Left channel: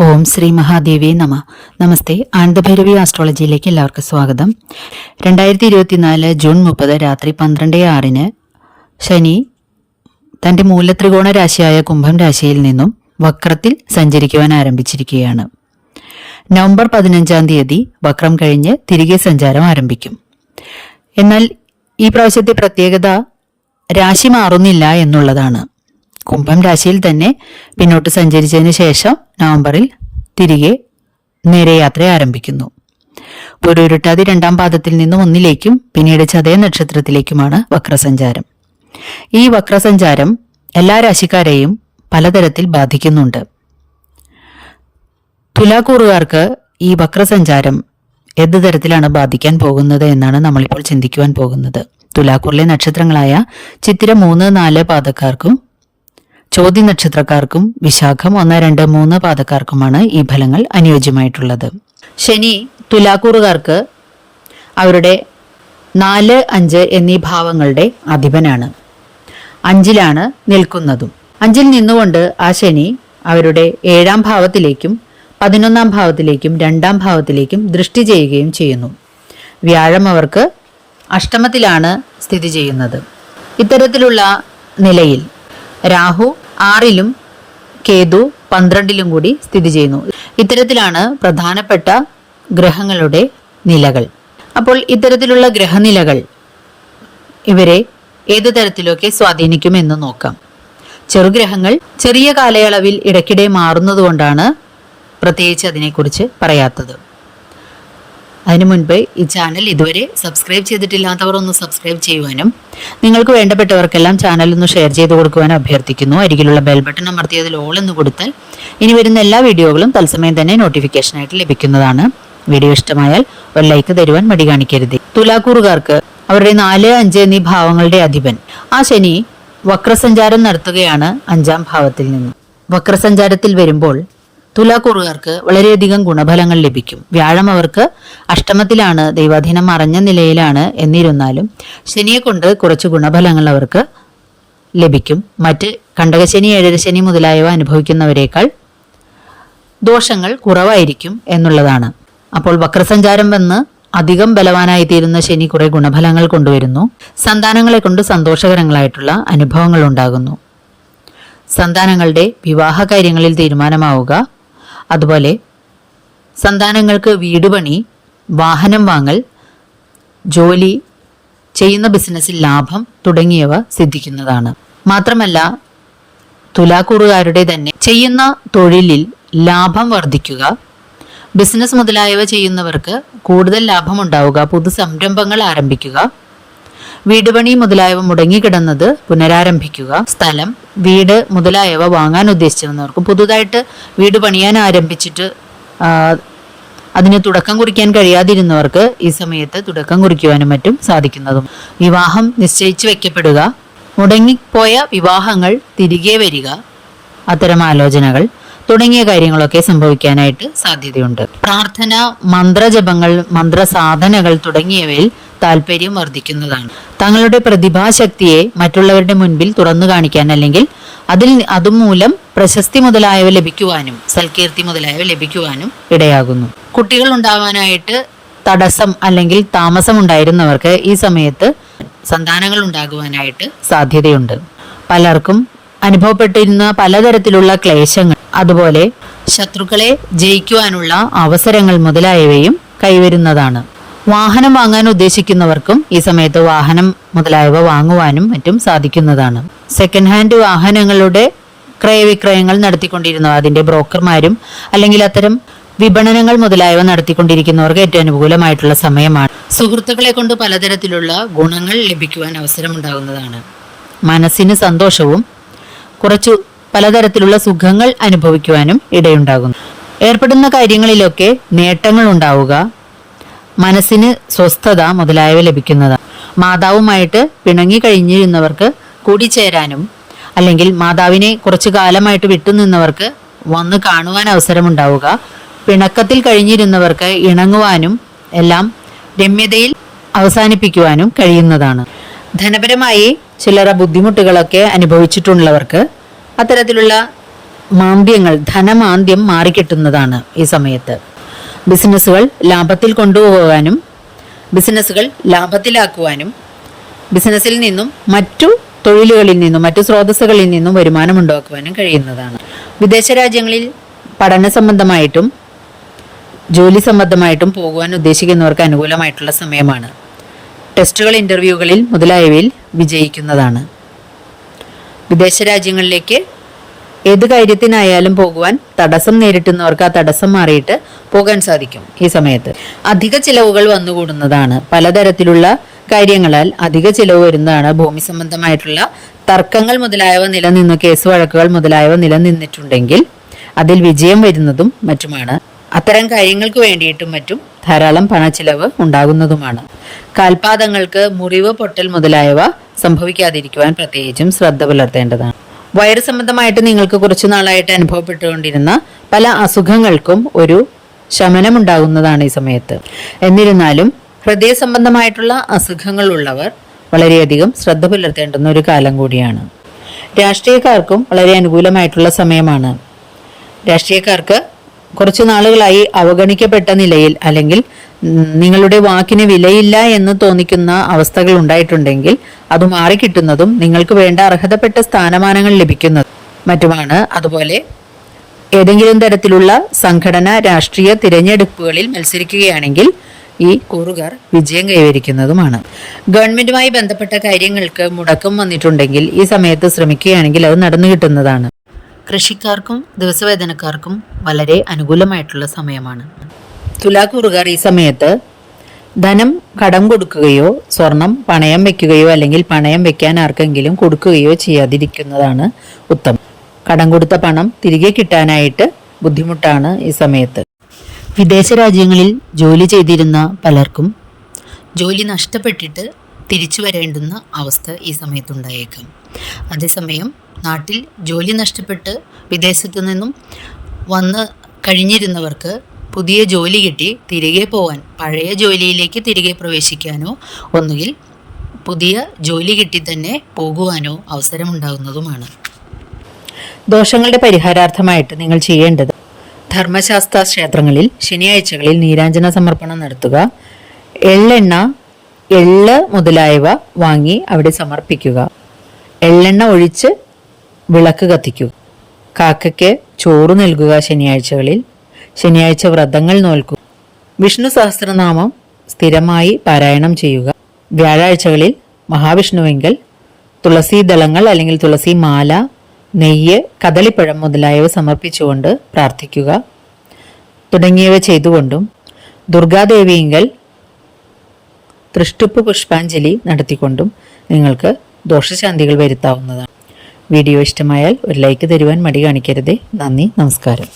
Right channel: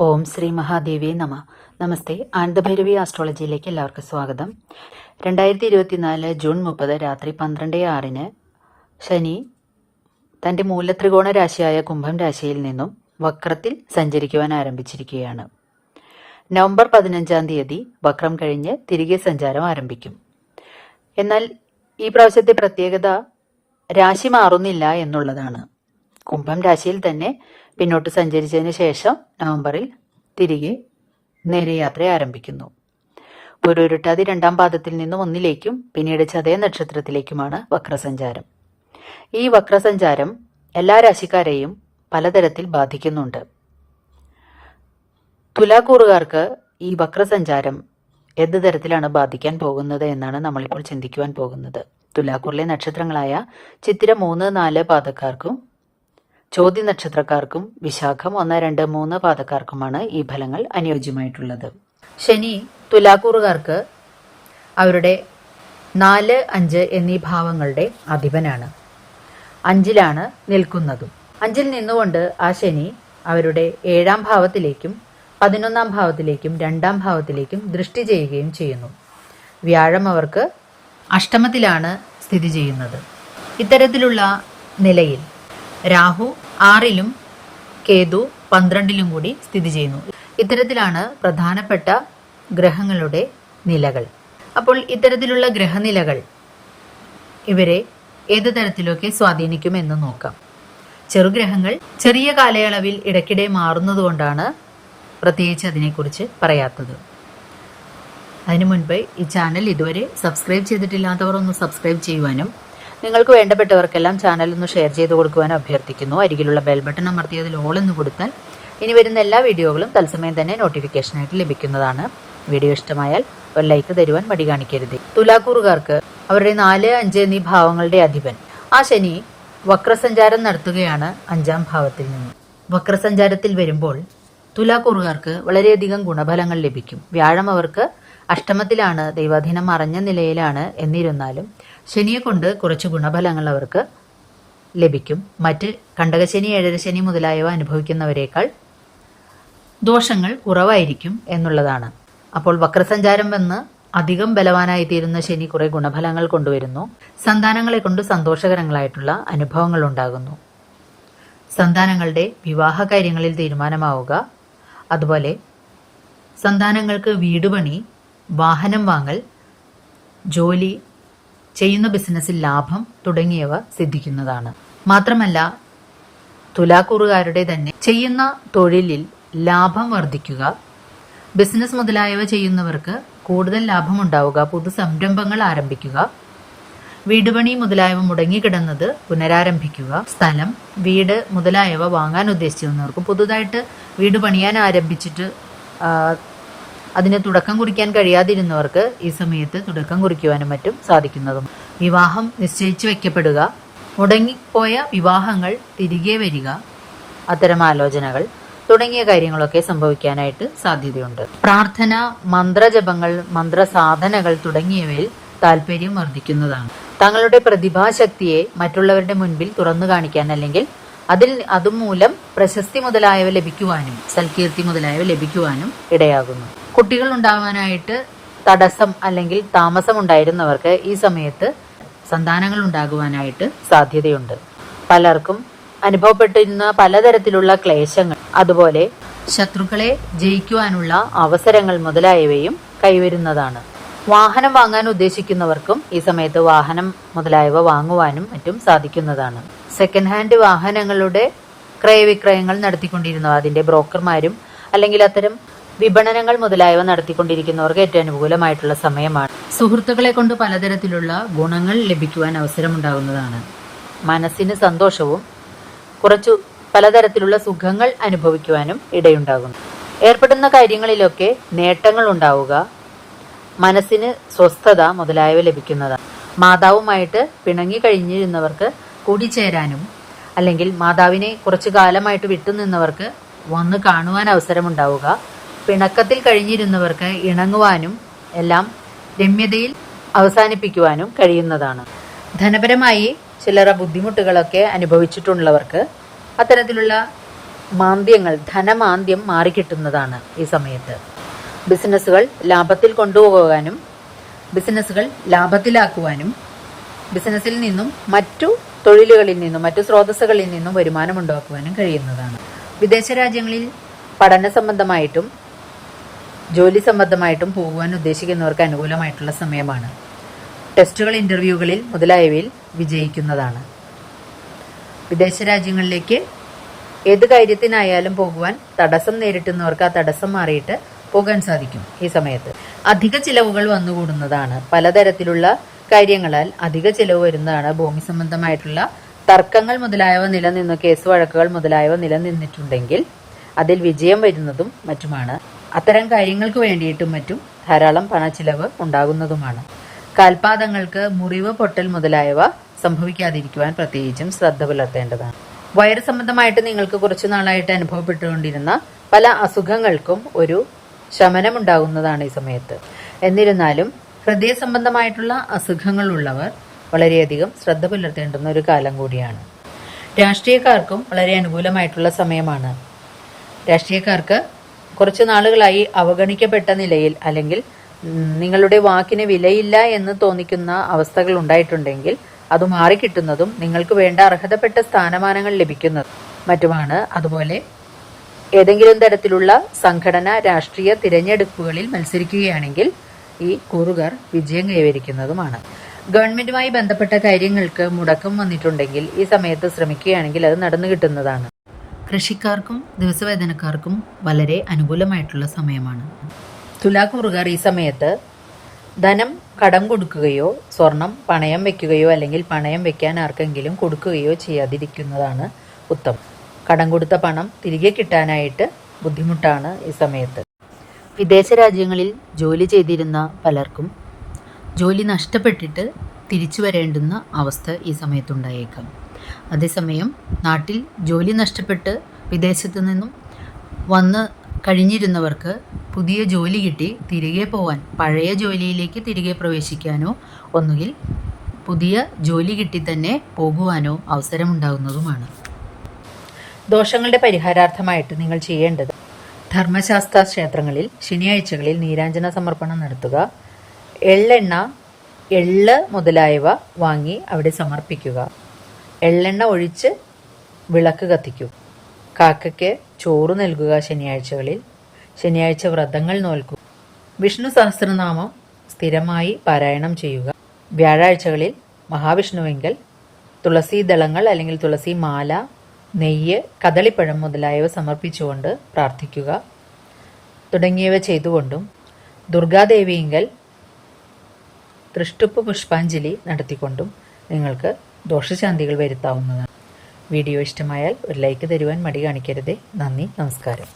ഓം ശ്രീ മഹാദേവേ നമ. നമസ്തേ ആനന്ദഭൈരവി ആസ്ട്രോളജിയിലേക്ക് എല്ലാവർക്കും സ്വാഗതം. രണ്ടായിരത്തി ഇരുപത്തിനാല് ജൂൺ മുപ്പത് രാത്രി പന്ത്രണ്ട് ആറിന് ശനി തന്റെ മൂലത്രികോണ രാശിയായ കുംഭം രാശിയിൽ നിന്നും വക്രത്തിൽ സഞ്ചരിക്കുവാൻ ആരംഭിച്ചിരിക്കുകയാണ്. നവംബർ പതിനഞ്ചാം തീയതി വക്രം കഴിഞ്ഞ് തിരികെ സഞ്ചാരം ആരംഭിക്കും. എന്നാൽ ഈ പ്രാവശ്യത്തെ പ്രത്യേകത രാശി മാറുന്നില്ല എന്നുള്ളതാണ്. കുംഭം രാശിയിൽ തന്നെ പിന്നോട്ട് സഞ്ചരിച്ചതിന് ശേഷം നവംബറിൽ തിരികെ നേരെ യാത്ര ആരംഭിക്കുന്നു. പൊരുരുട്ടാതി രണ്ടാം പാദത്തിൽ നിന്നും ഒന്നിലേക്കും പിന്നീട് ചതയ നക്ഷത്രത്തിലേക്കുമാണ് വക്രസഞ്ചാരം. ഈ വക്രസഞ്ചാരം എല്ലാ രാശിക്കാരെയും പലതരത്തിൽ ബാധിക്കുന്നുണ്ട്. തുലാക്കൂറുകാർക്ക് ഈ വക്രസഞ്ചാരം ഏത് തരത്തിലാണ് ബാധിക്കാൻ പോകുന്നത് എന്നാണ് നമ്മളിപ്പോൾ ചിന്തിക്കുവാൻ പോകുന്നത്. തുലാക്കൂറിലെ നക്ഷത്രങ്ങളായ ചിത്തിര മൂന്ന് നാല് പാദക്കാർക്കും ചോദ്യ നക്ഷത്രക്കാർക്കും വിശാഖം ഒന്ന് രണ്ട് മൂന്ന് പാദക്കാർക്കുമാണ് ഈ ഫലങ്ങൾ അനുയോജ്യമായിട്ടുള്ളത്. ശനി തുലാക്കൂറുകാർക്ക് അവരുടെ നാല് അഞ്ച് എന്നീ ഭാവങ്ങളുടെ അധിപനാണ്. അഞ്ചിലാണ് നിൽക്കുന്നതും. അഞ്ചിൽ നിന്നുകൊണ്ട് ആ ശനി അവരുടെ ഏഴാം ഭാവത്തിലേക്കും പതിനൊന്നാം ഭാവത്തിലേക്കും രണ്ടാം ഭാവത്തിലേക്കും ദൃഷ്ടി ചെയ്യുകയും ചെയ്യുന്നു. വ്യാഴം അവർക്ക് അഷ്ടമത്തിലാണ് സ്ഥിതി ചെയ്യുന്നത്. ഇത്തരത്തിലുള്ള നിലയിൽ രാഹു ആറിലും കേതു പന്ത്രണ്ടിലും കൂടി സ്ഥിതി ചെയ്യുന്നു. ഇത്തരത്തിലാണ് പ്രധാനപ്പെട്ട ഗ്രഹങ്ങളുടെ നിലകൾ. അപ്പോൾ ഇത്തരത്തിലുള്ള ഗ്രഹനിലകൾ ഇവരെ ഏതു തരത്തിലൊക്കെ സ്വാധീനിക്കുമെന്ന് നോക്കാം. ചെറുഗ്രഹങ്ങൾ ചെറിയ കാലയളവിൽ ഇടയ്ക്കിടെ മാറുന്നതുകൊണ്ടാണ് പ്രത്യേകിച്ച് അതിനെക്കുറിച്ച് പറയാത്തത്. അതിനു മുൻപ് ഈ ചാനൽ ഇതുവരെ സബ്സ്ക്രൈബ് ചെയ്തിട്ടില്ലാത്തവർ ഒന്ന് സബ്സ്ക്രൈബ് ചെയ്യുവാനും നിങ്ങൾക്ക് വേണ്ടപ്പെട്ടവർക്കെല്ലാം ചാനൽ ഒന്ന് ഷെയർ ചെയ്ത് കൊടുക്കുവാനും അഭ്യർത്ഥിക്കുന്നു. അരികിലുള്ള ബെൽ ബട്ടൺ അമർത്തിയതിൽ ഓൾ എന്ന് കൊടുത്താൽ ഇനി വരുന്ന എല്ലാ വീഡിയോകളും തത്സമയം തന്നെ നോട്ടിഫിക്കേഷനായിട്ട് ലഭിക്കുന്നതാണ്. വീഡിയോ ഇഷ്ടമായാൽ ഒരു ലൈക്ക് തരുവാൻ മടി കാണിക്കരുത്. തുലാക്കൂറുകാർക്ക് അവരുടെ നാല് അഞ്ച് എന്നീ ഭാവങ്ങളുടെ അധിപൻ. ആ ശനി വക്രസഞ്ചാരം നടത്തുകയാണ് അഞ്ചാം ഭാവത്തിൽ നിന്ന്. വക്രസഞ്ചാരത്തിൽ വരുമ്പോൾ തുലാക്കൂറുകാർക്ക് വളരെയധികം ഗുണഫലങ്ങൾ ലഭിക്കും. വ്യാഴം അവർക്ക് അഷ്ടമത്തിലാണ് ദൈവാധീനം മറഞ്ഞ നിലയിലാണ് എന്നിരുന്നാലും ശനിയെ കൊണ്ട് കുറച്ച് ഗുണഫലങ്ങൾ അവർക്ക് ലഭിക്കും. മറ്റ് കണ്ടകശനി ഏഴരശനി മുതലായവ അനുഭവിക്കുന്നവരേക്കാൾ ദോഷങ്ങൾ കുറവായിരിക്കും എന്നുള്ളതാണ്. അപ്പോൾ വക്രസഞ്ചാരം വന്ന് അധികം ബലവാനായി തീരുന്ന ശനി കുറെ ഗുണഫലങ്ങൾ കൊണ്ടുവരുന്നു. സന്താനങ്ങളെ കൊണ്ട് സന്തോഷകരങ്ങളായിട്ടുള്ള അനുഭവങ്ങൾ ഉണ്ടാകുന്നു. സന്താനങ്ങളുടെ വിവാഹ കാര്യങ്ങളിൽ തീരുമാനമാവുക. അതുപോലെ സന്താനങ്ങൾക്ക് വീട് പണി വാഹനം വാങ്ങൽ ജോലി ചെയ്യുന്ന ബിസിനസ്സിൽ ലാഭം തുടങ്ങിയവ സിദ്ധിക്കുന്നതാണ്. മാത്രമല്ല തുലാക്കൂറുകാരുടെ തന്നെ ചെയ്യുന്ന തൊഴിലിൽ ലാഭം വർദ്ധിക്കുക ബിസിനസ് മുതലായവ ചെയ്യുന്നവർക്ക് കൂടുതൽ ലാഭമുണ്ടാവുക പുതു സംരംഭങ്ങൾ ആരംഭിക്കുക വീടുപണി മുതലായവ മുടങ്ങിക്കിടന്നത് പുനരാരംഭിക്കുക. സ്ഥലം വീട് മുതലായവ വാങ്ങാൻ ഉദ്ദേശിച്ചിരുന്നവർക്കും പുതുതായിട്ട് വീട് പണിയാൻ ആരംഭിച്ചിട്ട് അതിന് തുടക്കം കുറിക്കാൻ കഴിയാതിരുന്നവർക്ക് ഈ സമയത്ത് തുടക്കം കുറിക്കുവാനും മറ്റും സാധിക്കുന്നതും. വിവാഹം നിശ്ചയിച്ചു വെക്കപ്പെടുക. മുടങ്ങിപ്പോയ വിവാഹങ്ങൾ തിരികെ വരിക. അത്തരം ആലോചനകൾ തുടങ്ങിയ കാര്യങ്ങളൊക്കെ സംഭവിക്കാനായിട്ട് സാധ്യതയുണ്ട്. പ്രാർത്ഥന മന്ത്രജപങ്ങൾ മന്ത്രസാധനകൾ തുടങ്ങിയവയിൽ താല്പര്യം വർദ്ധിക്കുന്നതാണ്. തങ്ങളുടെ പ്രതിഭാശക്തിയെ മറ്റുള്ളവരുടെ മുൻപിൽ തുറന്നു കാണിക്കാൻ അല്ലെങ്കിൽ അതിൽ അതുമൂലം പ്രശസ്തി മുതലായവ ലഭിക്കുവാനും സൽകീർത്തി മുതലായവ ലഭിക്കുവാനും ഇടയാകുന്നു. കുട്ടികൾ ഉണ്ടാവാനായിട്ട് തടസ്സം അല്ലെങ്കിൽ താമസം ഉണ്ടായിരുന്നവർക്ക് ഈ സമയത്ത് സന്താനങ്ങൾ ഉണ്ടാകുവാനായിട്ട് സാധ്യതയുണ്ട്. പലർക്കും അനുഭവപ്പെട്ടിരുന്ന പലതരത്തിലുള്ള ക്ലേശങ്ങൾ അതുപോലെ ശത്രുക്കളെ ജയിക്കുവാനുള്ള അവസരങ്ങൾ മുതലായവയും കൈവരുന്നതാണ്. വാഹനം വാങ്ങാൻ ഉദ്ദേശിക്കുന്നവർക്കും ഈ സമയത്ത് വാഹനം മുതലായവ വാങ്ങുവാനും മറ്റും സാധിക്കുന്നതാണ്. സെക്കൻഡ് ഹാൻഡ് വാഹനങ്ങളുടെ ക്രയവിക്രയങ്ങൾ നടത്തിക്കൊണ്ടിരുന്നവ അതിന്റെ ബ്രോക്കർമാരും അല്ലെങ്കിൽ അത്തരം വിപണനങ്ങൾ മുതലായവ നടത്തിക്കൊണ്ടിരിക്കുന്നവർക്ക് ഏറ്റവും അനുകൂലമായിട്ടുള്ള സമയമാണ്. സുഹൃത്തുക്കളെ കൊണ്ട് പലതരത്തിലുള്ള ഗുണങ്ങൾ ലഭിക്കുവാൻ അവസരമുണ്ടാകുന്നതാണ്. മനസ്സിന് സന്തോഷവും കുറച്ചു പലതരത്തിലുള്ള സുഖങ്ങൾ അനുഭവിക്കുവാനും ഇടയുണ്ടാകുന്നു. ഏർപ്പെടുന്ന കാര്യങ്ങളിലൊക്കെ നേട്ടങ്ങൾ ഉണ്ടാവുക മനസ്സിന് സ്വസ്ഥത മുതലായവ ലഭിക്കുന്നതാണ് മാതാവുമായിട്ട് പിണങ്ങി കഴിഞ്ഞിരുന്നവർക്ക് കൂടിച്ചേരാനും അല്ലെങ്കിൽ മാതാവിനെ കുറച്ചു കാലമായിട്ട് വിട്ടുനിന്നവർക്ക് വന്ന് കാണുവാൻ അവസരമുണ്ടാവുക. പിണക്കത്തിൽ കഴിഞ്ഞിരുന്നവർക്ക് ഇണങ്ങുവാനും എല്ലാം രമ്യതയിൽ അവസാനിപ്പിക്കുവാനും കഴിയുന്നതാണ്. ധനപരമായി ചിലരെ ബുദ്ധിമുട്ടുകളൊക്കെ അനുഭവിച്ചിട്ടുള്ളവർക്ക് അത്തരത്തിലുള്ള മാന്ദ്യങ്ങൾ ധനമാന്ദ്യം മാറിക്കിട്ടുന്നതാണ് ഈ സമയത്ത്. ബിസിനസ്സുകൾ ലാഭത്തിൽ കൊണ്ടുപോകാനും ബിസിനസ്സുകൾ ലാഭത്തിലാക്കുവാനും ബിസിനസ്സിൽ നിന്നും മറ്റു തൊഴിലുകളിൽ നിന്നും മറ്റു സ്രോതസ്സുകളിൽ നിന്നും വരുമാനം ഉണ്ടാക്കുവാനും കഴിയുന്നതാണ്. വിദേശ രാജ്യങ്ങളിൽ പഠന സംബന്ധമായിട്ടും ജോലി സംബന്ധമായിട്ടും പോകുവാൻ ഉദ്ദേശിക്കുന്നവർക്ക് അനുകൂലമായിട്ടുള്ള സമയമാണ്. ടെസ്റ്റുകൾ ഇന്റർവ്യൂകളിൽ മുതലായവയിൽ വിജയിക്കുന്നതാണ്. വിദേശ രാജ്യങ്ങളിലേക്ക് ഏത് കാര്യത്തിനായാലും പോകുവാൻ തടസ്സം നേരിട്ടുന്നവർക്ക് ആ തടസ്സം മാറിയിട്ട് പോകാൻ സാധിക്കും ഈ സമയത്ത്. അധിക ചിലവുകൾ വന്നുകൂടുന്നതാണ്. പലതരത്തിലുള്ള കാര്യങ്ങളാൽ അധിക ചിലവ് വരുന്നതാണ്. ഭൂമി സംബന്ധമായിട്ടുള്ള തർക്കങ്ങൾ മുതലായവ നിലനിന്ന് കേസ് വഴക്കുകൾ മുതലായവ നിലനിന്നിട്ടുണ്ടെങ്കിൽ അതിൽ വിജയം വരുന്നതും മറ്റുമാണ്. അത്തരം കാര്യങ്ങൾക്ക് വേണ്ടിയിട്ടും മറ്റും ധാരാളം പണ ചിലവ് ഉണ്ടാകുന്നതുമാണ്. കാൽപാദങ്ങൾക്ക് മുറിവ് പൊട്ടൽ മുതലായവ സംഭവിക്കാതിരിക്കുവാൻ പ്രത്യേകിച്ചും ശ്രദ്ധ പുലർത്തേണ്ടതാണ്. വയറ് സംബന്ധമായിട്ട് നിങ്ങൾക്ക് കുറച്ചു നാളായിട്ട് അനുഭവപ്പെട്ടുകൊണ്ടിരുന്ന പല അസുഖങ്ങൾക്കും ഒരു ശമനം ഉണ്ടാകുന്നതാണ് ഈ സമയത്ത്. എന്നിരുന്നാലും ഹൃദയ സംബന്ധമായിട്ടുള്ള അസുഖങ്ങൾ അസുഖങ്ങളുള്ളവർ വളരെയധികം ശ്രദ്ധ പുലർത്തേണ്ടുന്ന ഒരു കാലം കൂടിയാണ്. രാഷ്ട്രീയക്കാർക്കും വളരെ അനുകൂലമായിട്ടുള്ള സമയമാണ്. രാഷ്ട്രീയക്കാർക്ക് കുറച്ചു നാളുകളായി അവഗണിക്കപ്പെട്ട നിലയിൽ അല്ലെങ്കിൽ നിങ്ങളുടെ വാക്കിന് വിലയില്ല എന്ന് തോന്നിക്കുന്ന അവസ്ഥകൾ ഉണ്ടായിട്ടുണ്ടെങ്കിൽ അത് മാറിക്കിട്ടുന്നതും നിങ്ങൾക്ക് വേണ്ട അർഹതപ്പെട്ട സ്ഥാനമാനങ്ങൾ ലഭിക്കുന്നതും മറ്റുമാണ്. അതുപോലെ ഏതെങ്കിലും തരത്തിലുള്ള സംഘടന രാഷ്ട്രീയ തിരഞ്ഞെടുപ്പുകളിൽ മത്സരിക്കുകയാണെങ്കിൽ ഈ കൂറുകാർ വിജയം കൈവരിക്കുന്നതുമാണ്. ഗവൺമെന്റുമായി ബന്ധപ്പെട്ട കാര്യങ്ങൾക്ക് മുടക്കം വന്നിട്ടുണ്ടെങ്കിൽ ഈ സമയത്ത് ശ്രമിക്കുകയാണെങ്കിൽ അത് നടന്നു കിട്ടുന്നതാണ്. കൃഷിക്കാർക്കും ദിവസവേതനക്കാർക്കും വളരെ അനുകൂലമായിട്ടുള്ള സമയമാണ്. തുലാക്കൂറുകാർ ഈ സമയത്ത് ധനം കടം കൊടുക്കുകയോ സ്വർണം പണയം വെക്കുകയോ അല്ലെങ്കിൽ പണയം വെക്കാൻ ആർക്കെങ്കിലും കൊടുക്കുകയോ ചെയ്യാതിരിക്കുന്നതാണ് ഉത്തമം. കടം കൊടുത്ത പണം തിരികെ കിട്ടാനായിട്ട് ബുദ്ധിമുട്ടാണ് ഈ സമയത്ത്. വിദേശ രാജ്യങ്ങളിൽ ജോലി ചെയ്തിരുന്ന പലർക്കും ജോലി നഷ്ടപ്പെട്ടിട്ട് തിരിച്ചു വരേണ്ടുന്ന അവസ്ഥ ഈ സമയത്തുണ്ടായേക്കാം. അതേസമയം നാട്ടിൽ ജോലി നഷ്ടപ്പെട്ട് വിദേശത്തു നിന്നും വന്ന് കഴിഞ്ഞിരുന്നവർക്ക് പുതിയ ജോലി കിട്ടി തിരികെ പോവാൻ പഴയ ജോലിയിലേക്ക് തിരികെ പ്രവേശിക്കാനോ ഒന്നുകിൽ പുതിയ ജോലി കിട്ടി തന്നെ പോകുവാനോ അവസരമുണ്ടാകുന്നതുമാണ് ദോഷങ്ങളുടെ പരിഹാരാർത്ഥമായിട്ട് നിങ്ങൾ ചെയ്യേണ്ടത് ധർമ്മശാസ്ത്ര ക്ഷേത്രങ്ങളിൽ ശനിയാഴ്ചകളിൽ നീരാഞ്ജന സമർപ്പണം നടത്തുക. എള്ളെണ്ണ എള്ള് മുതലായവ വാങ്ങി അവിടെ സമർപ്പിക്കുക. എള്ളെണ്ണ ഒഴിച്ച് വിളക്ക് കത്തിക്കുക കാക്കയ്ക്ക് ചോറ് നൽകുക ശനിയാഴ്ചകളിൽ. ശനിയാഴ്ച വ്രതങ്ങൾ നോൽക്കുക വിഷ്ണു സഹസ്രനാമം സ്ഥിരമായി പാരായണം ചെയ്യുക. വ്യാഴാഴ്ചകളിൽ മഹാവിഷ്ണുവെങ്കിൽ തുളസി ദളങ്ങൾ അല്ലെങ്കിൽ തുളസി മാല നെയ്യ് കദളിപ്പഴം മുതലായവ സമർപ്പിച്ചുകൊണ്ട് പ്രാർത്ഥിക്കുക. തുടങ്ങിയവ ചെയ്തുകൊണ്ടും ദുർഗാദേവിയെങ്കിൽ തൃഷ്ടുപ്പ് പുഷ്പാഞ്ജലി നടത്തിക്കൊണ്ടും നിങ്ങൾക്ക് ദോഷശാന്തികൾ വരുത്താവുന്നതാണ്. വീഡിയോ ഇഷ്ടമായാൽ ഒരു ലൈക്ക് തരുവാൻ മടി കാണിക്കരുതേ. നന്ദി നമസ്കാരം.